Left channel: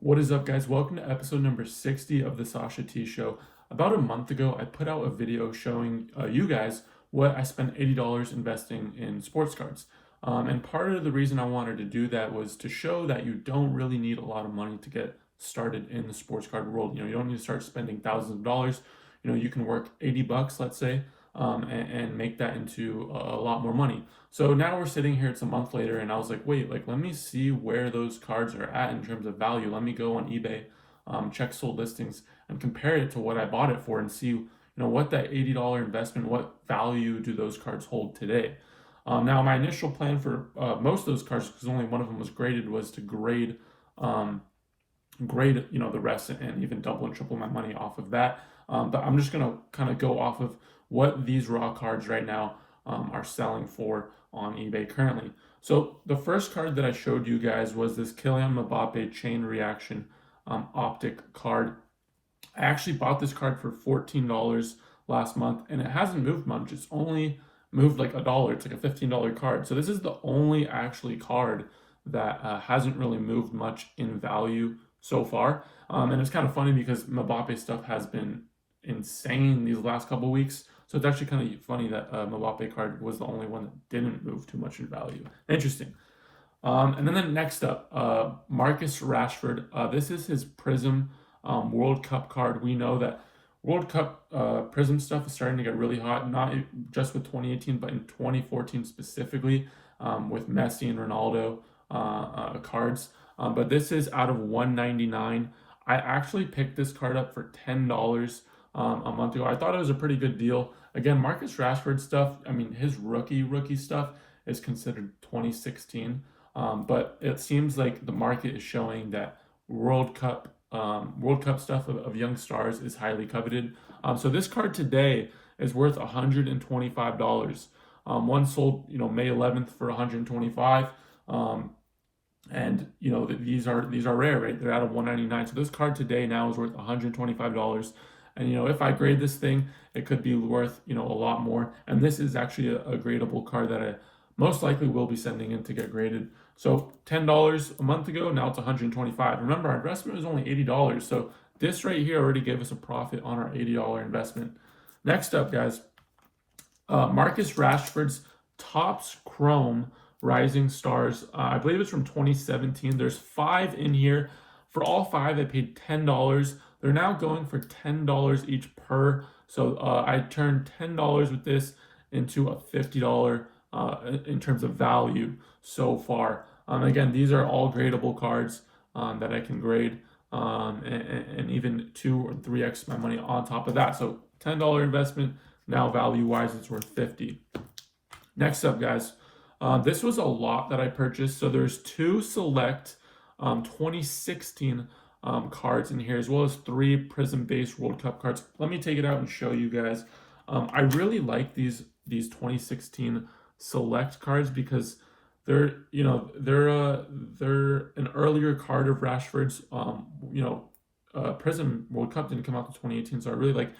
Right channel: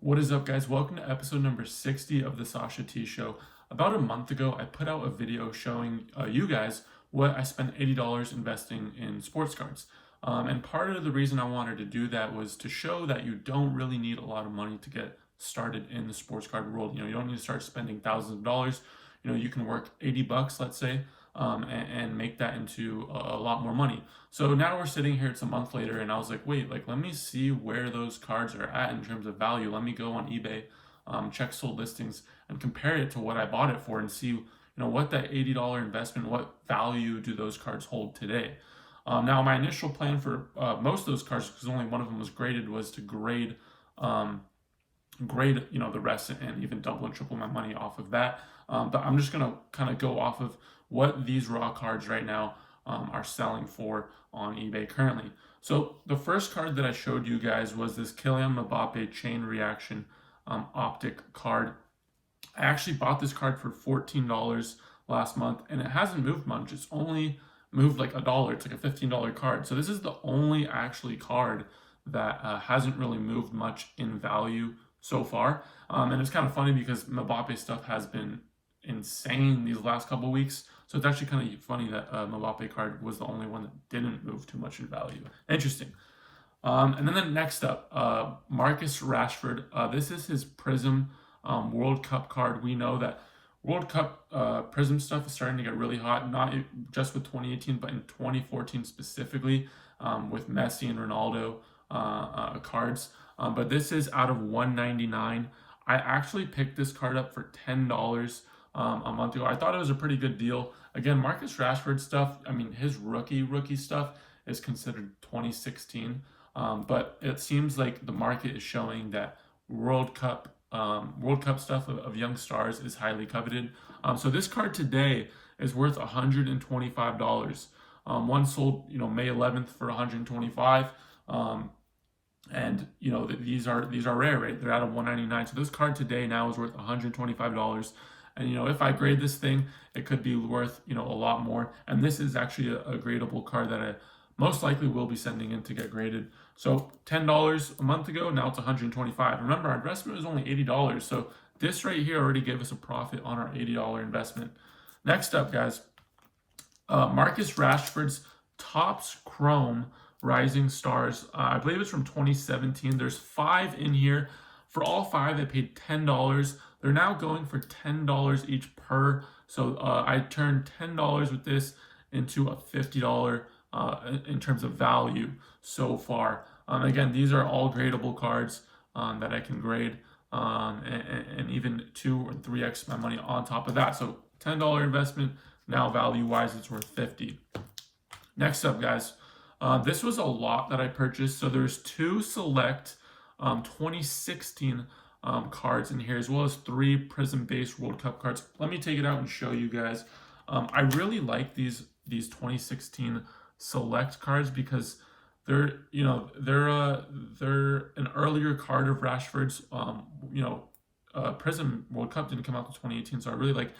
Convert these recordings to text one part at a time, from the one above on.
What is up, guys? Welcome to episode number 60 of the Sasha T Show. About a month ago, I put out a video showing you guys what I spent $80 investing in sports cards. And part of the reason I wanted to do that was to show that you don't really need a lot of money to get started in the sports card world. You don't need to start spending thousands of dollars. You can work 80 bucks, let's say, and make that into a lot more money. So now we're sitting here, it's a month later, and I was like, wait, let me see where those cards are at in terms of value. Let me go on eBay, check sold listings, and compare it to what I bought it for and see, what that $80 investment, what value do those cards hold today? Now, my initial plan for most of those cards, because only one of them was graded, was to grade the rest and even double and triple my money off of that. But I'm just gonna kind of go off of what these raw cards right now are selling for on eBay currently. So the first card that I showed you guys was this Kylian Mbappe Chain Reaction Optic card. I actually bought this card for $14 last month, and it hasn't moved much. It's only moved like $1. It's like a $15 card. So this is the only actually card that hasn't really moved much in value so far. And it's kind of funny because Mbappe stuff has been insane these last couple weeks. So it's actually kind of funny that Mbappe card was the only one that didn't move too much in value. Interesting. And then next up, Marcus Rashford. This is his Prism World Cup card. We know that World Cup Prism stuff is starting to get really hot, not just with 2018, but in 2014 specifically, with Messi and Ronaldo cards. But this is out of 199. I actually picked this card up for $10 a month ago. I thought it was a pretty good deal. Again, Marcus Rashford stuff, I mean, his rookie stuff is considered 2016. But it seems like the market is showing that World Cup stuff of young stars is highly coveted. So this card today is worth $125. One sold, May 11th for $125. And these are rare, right? They're out of 199. So this card today now is worth $125. And if I grade this thing, it could be worth a lot more. And this is actually a gradable card that I most likely will be sending in to get graded. So $10 a month ago, now it's $125. Remember, our investment was only $80. So this right here already gave us a profit on our $80 investment. Next up, guys, Marcus Rashford's Topps Chrome Rising Stars. I believe it's from 2017. There's 5 in here. For all 5, I paid $10. They're now going for $10 each per. So I turned $10 with this into a $50 in terms of value so far. Again, these are all gradable cards that I can grade and even 2 or 3x my money on top of that. So $10 investment, now value-wise, it's worth $50. Next up, guys, this was a lot that I purchased. So there's 2 select 2016 cards in here, as well as 3 Prism-based World Cup cards. Let me take it out and show you guys. I really like these 2016 select cards because they're an earlier card of Rashford's. Prism World Cup didn't come out to 2018, so I really like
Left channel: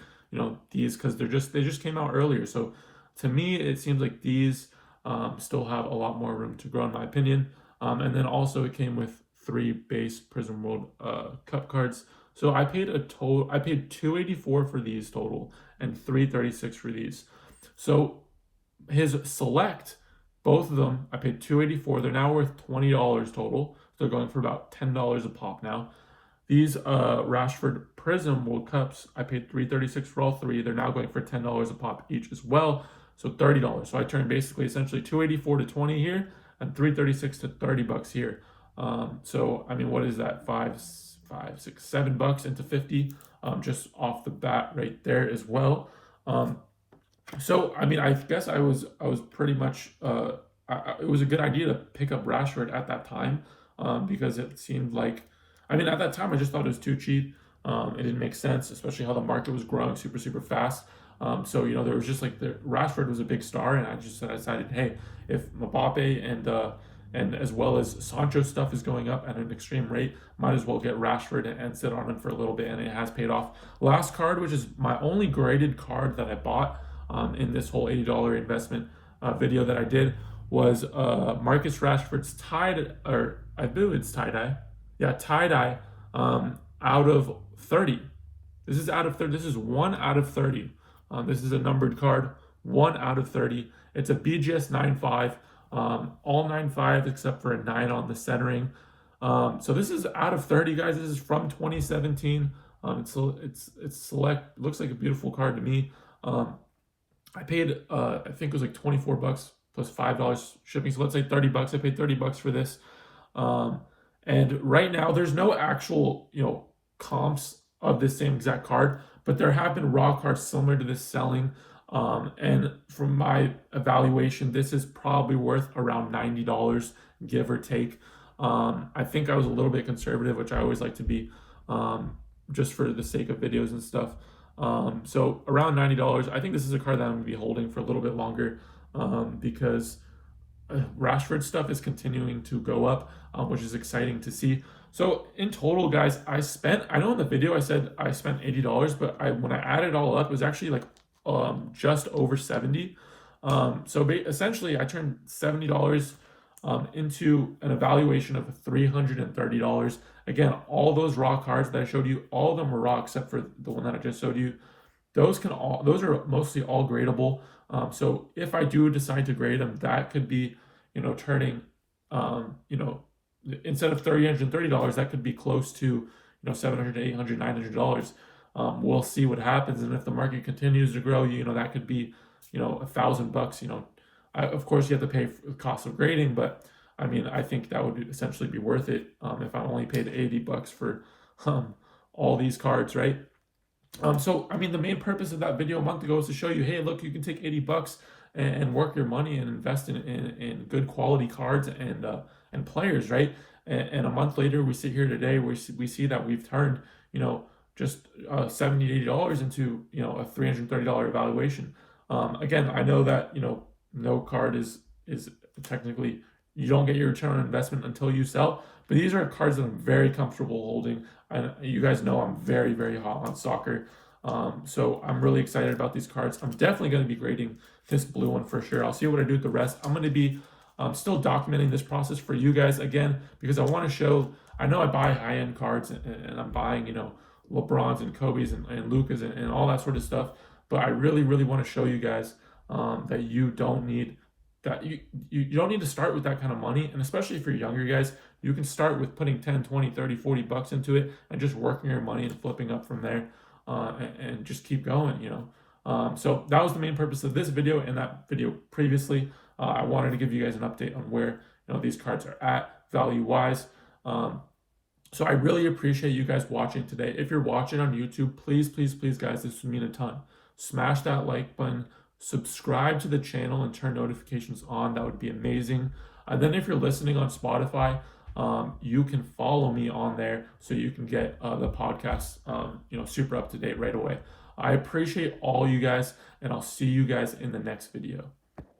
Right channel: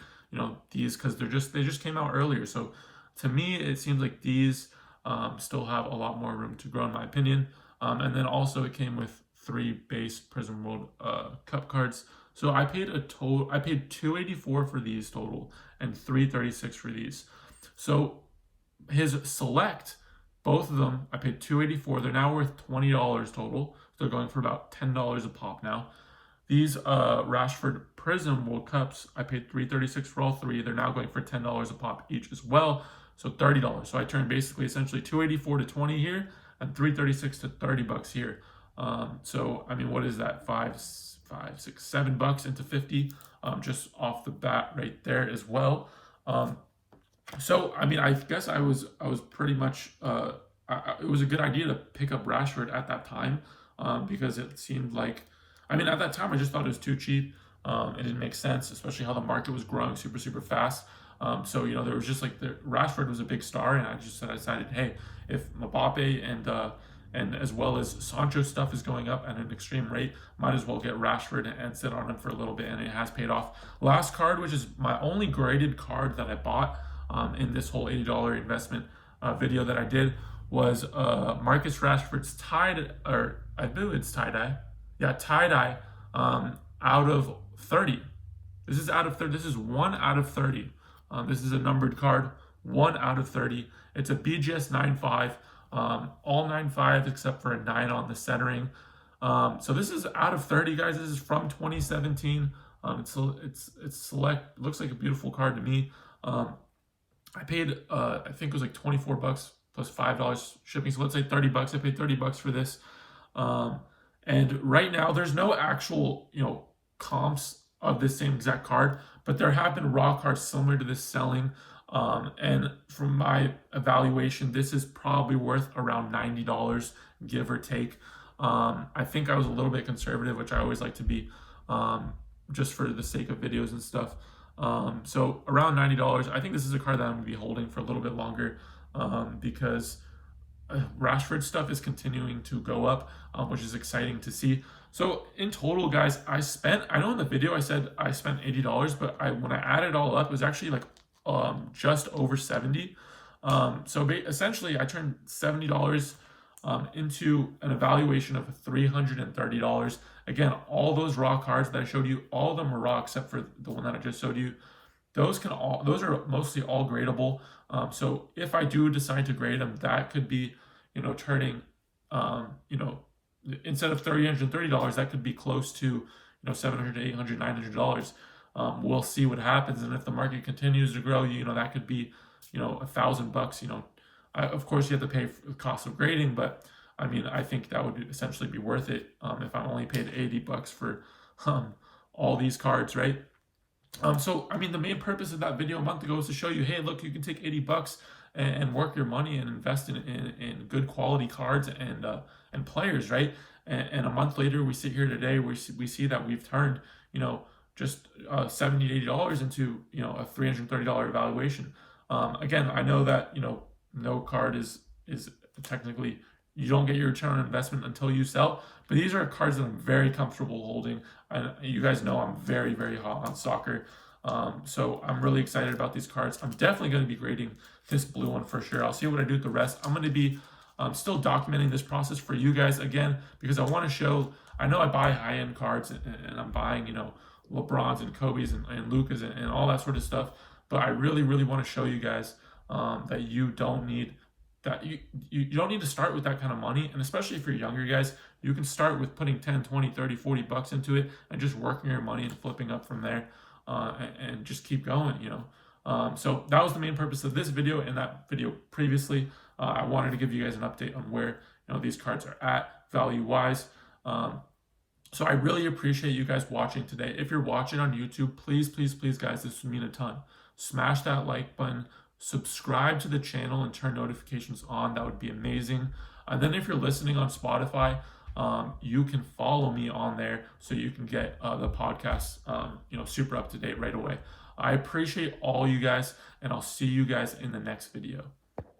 these because they just came out earlier. So to me, it seems like these still have a lot more room to grow, in my opinion. And then also it came with 3 base Prism World Cup cards. So I paid $284 for these total and $336 for these. So his select, both of them, I paid $284. They're now worth $20 total. So they're going for about $10 a pop now. These Rashford Prism World Cups, I paid $336 for all 3. They're now going for $10 a pop each as well. So $30. So I turned essentially $284 to $20 here and $336 to $30 here. So I mean, what is that? $5, $6, $7 into $50 just off the bat right there as well. So I mean, I guess I was pretty much it was a good idea to pick up Rashford at that time because it seemed like, I mean, at that time I just thought it was too cheap. It didn't make sense, especially how the market was growing super fast. So there was just like Rashford was a big star, and I decided, hey, if Mbappe and as well as Sancho stuff is going up at an extreme rate, might as well get Rashford and sit on him for a little bit, and it has paid off. Last card, which is my only graded card that I bought in this whole $80 investment video that I did, was Marcus Rashford's I believe it's tie-dye. Yeah, tie-dye out of 30. This is out of 30. This is 1 out of 30. This is a numbered card, 1 out of 30. It's a BGS 9.5, all 9.5 except for a 9 on the centering. So this is out of 30, guys. This is from 2017. It's select. Looks like a beautiful card to me. I paid I think it was like 24 bucks plus $5 shipping. So let's say 30 bucks. I paid 30 bucks for this. And right now there's no actual, comps of the same exact card, but there have been raw cards similar to this selling. And from my evaluation, this is probably worth around $90, give or take. I think I was a little bit conservative, which I always like to be, just for the sake of videos and stuff. So around $90. I think this is a card that I'm going to be holding for a little bit longer, because Rashford stuff is continuing to go up, which is exciting to see. So in total, guys, I know in the video I said I spent $80, but when I added it all up, it was actually like just over 70. So essentially I turned $70 into an evaluation of $330. Again, all those raw cards that I showed you, all of them were raw except for the one that I just showed you. Those are mostly all gradable. So if I do decide to grade them, that could be, turning, instead of $330, that could be close to, $700, $800, $900. We'll see what happens, and if the market continues to grow, that could be, $1,000. Of course, you have to pay for the cost of grading, but I mean, I think that would essentially be worth it if I only paid 80 bucks for all these cards, right? So, I mean, the main purpose of that video a month ago was to show you, hey, look, you can take 80 bucks and work your money and invest in good quality cards and players, right? And a month later, we sit here today, we see that we've turned, just $70, $80 into, a $330 evaluation. Again, I know that, no card is technically, you don't get your return on investment until you sell, but these are cards that I'm very comfortable holding. And you guys know I'm very, very hot on soccer. So I'm really excited about these cards. I'm definitely going to be grading this blue one for sure. I'll see what I do with the rest. I'm going to be still documenting this process for you guys, again, because I want to show, I know I buy high-end cards and I'm buying, LeBrons and Kobe's and Lucas and all that sort of stuff. But I really, really want to show you guys that you don't need you don't need to start with that kind of money. And especially for younger guys, you can start with putting 10, 20, 30, 40 bucks into it and just working your money and flipping up from there, and just keep going, So that was the main purpose of this video and that video previously. I wanted to give you guys an update on where, these cards are at value-wise. So I really appreciate you guys watching today. If you're watching on YouTube, please, please, please, guys, this would mean a ton. Smash that like button. Subscribe to the channel and turn notifications on. That would be amazing. And then if you're listening on Spotify, you can follow me on there so you can get the podcast, super up to date right away. I appreciate all you guys, and I'll see you guys in the next video.